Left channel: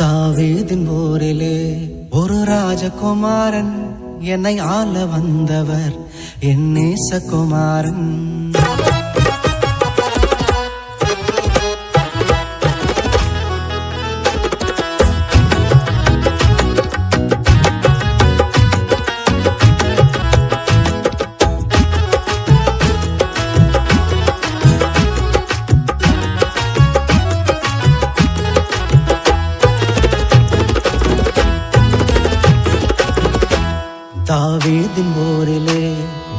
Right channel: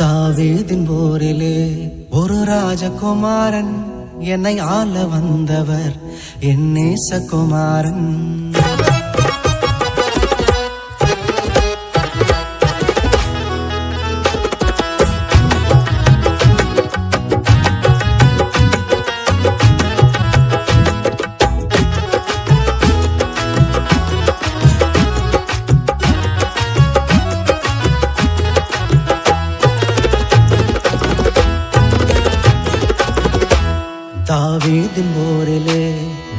தாவீதின் போரிலே ஒரு ராஜகுமாரன் என்னை ஆள வந்தவர் என் நேசகுமாரன். தாவீதின் போரிலே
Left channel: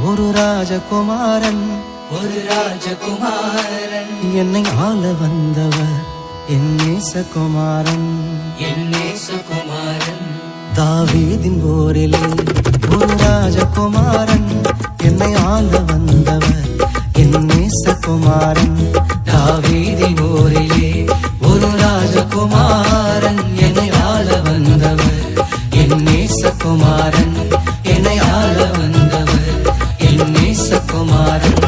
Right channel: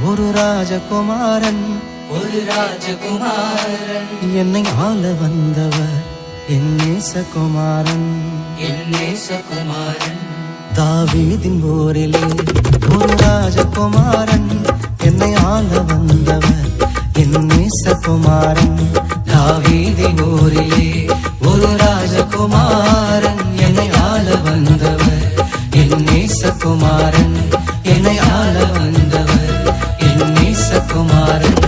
ஒரு ராஜகுமாரன் என்னை ஆள வந்தவர் என் நேசகுமாரன். தாவீதின் போரிலே ஒரு ராஜகுமாரன் என்னை ஆள வந்தவர் என் நேசகுமாரன். தாவீதின் போரிலே ஒரு ராஜகுமாரன் என்னை ஆள வந்தவர் என் நேசகுமாரன். என்னை ஆள வந்தவர் என் நேசகுமாரன்.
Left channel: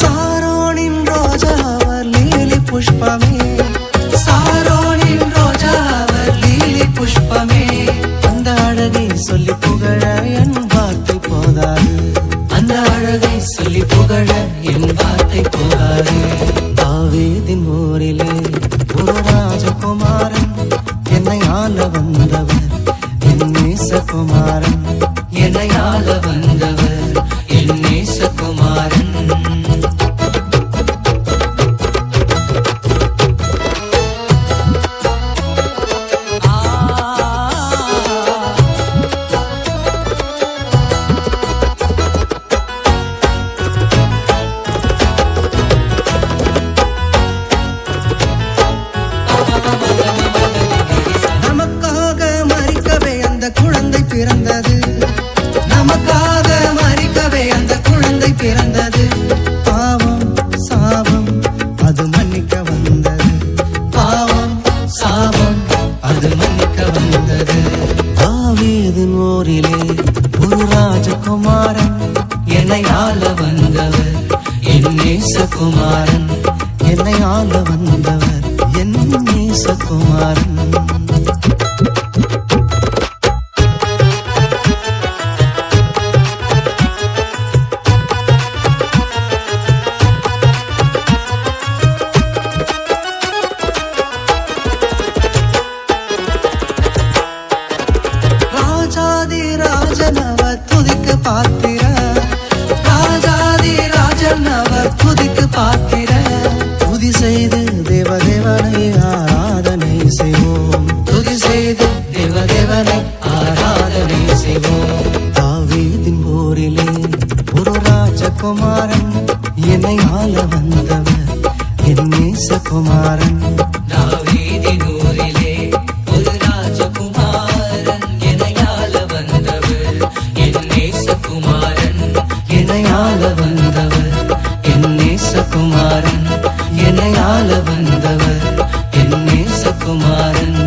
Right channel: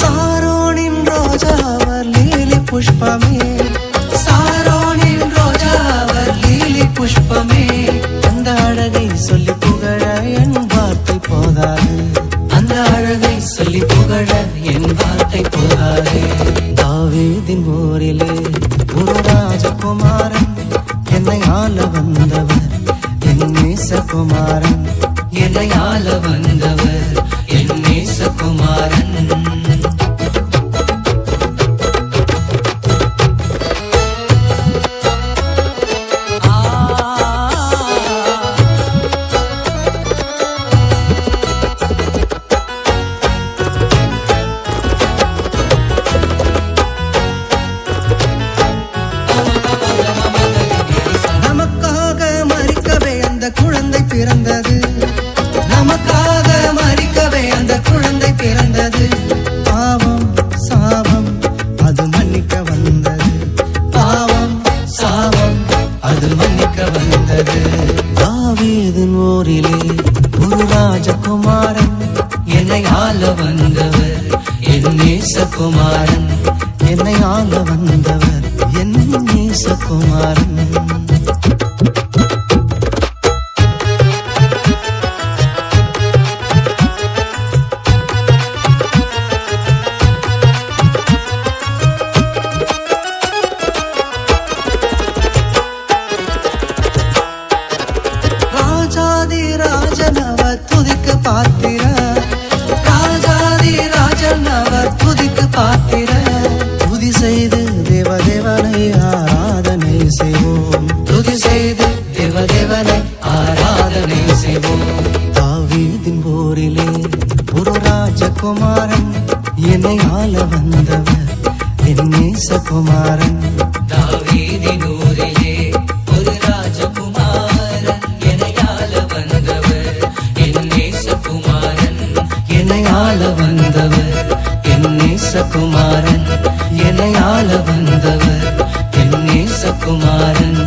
சாரோனின் ரோஜா அவர் லீலி புஷ்பமே, சாரோனின் ரோஜா அவர் லீலி புஷ்பமே. அந்த அழகை சொல்லி புகழ என் வார்த்தை போதாது, அந்த அழகை சொல்லி புகழ என் வார்த்தை போதாது. தாவீதின் போரிலே ஒரு ராஜகுமாரன் என்னை ஆள வந்தவர் என் நேசகுமாரன். என்னை ஆள வந்தவர் என் நேசகுமாரன். அந்த குழந்தை பிறந்தது, நமக்காக மரிக்கவே அந்த குழந்தை பிறந்தது. பாவம் சாபம் அது மன்னிக்க வந்தது, பாவம் சாபம் அது மன்னிக்க வந்தது. தாவீதின் போரிலே ஒரு ராஜகுமாரன் என்னை ஆள வந்தவர் என் நேசகுமாரன். என்னை ஆள வந்தவர் என் நேசகுமாரன். ராஜாதி ராஜன் அவர் துதிக்கு பாத்திர, ராஜாதி ராஜன் அவர் துதிக்கு பாத்திர. துதி செய்து தேவதேவனை ஆராதனை செய்வோம், துதி செய்து தேவதேவனை ஆராதனை செய்வோம். தாவீதின் போரிலே ஒரு ராஜகுமாரன் என்னை ஆள வந்தவர் என் நேசகுமாரன். என்னை ஆள வந்தவர் என் நேசகுமாரன். என்னை ஆள வந்தவர் என் நேசகுமாரன்.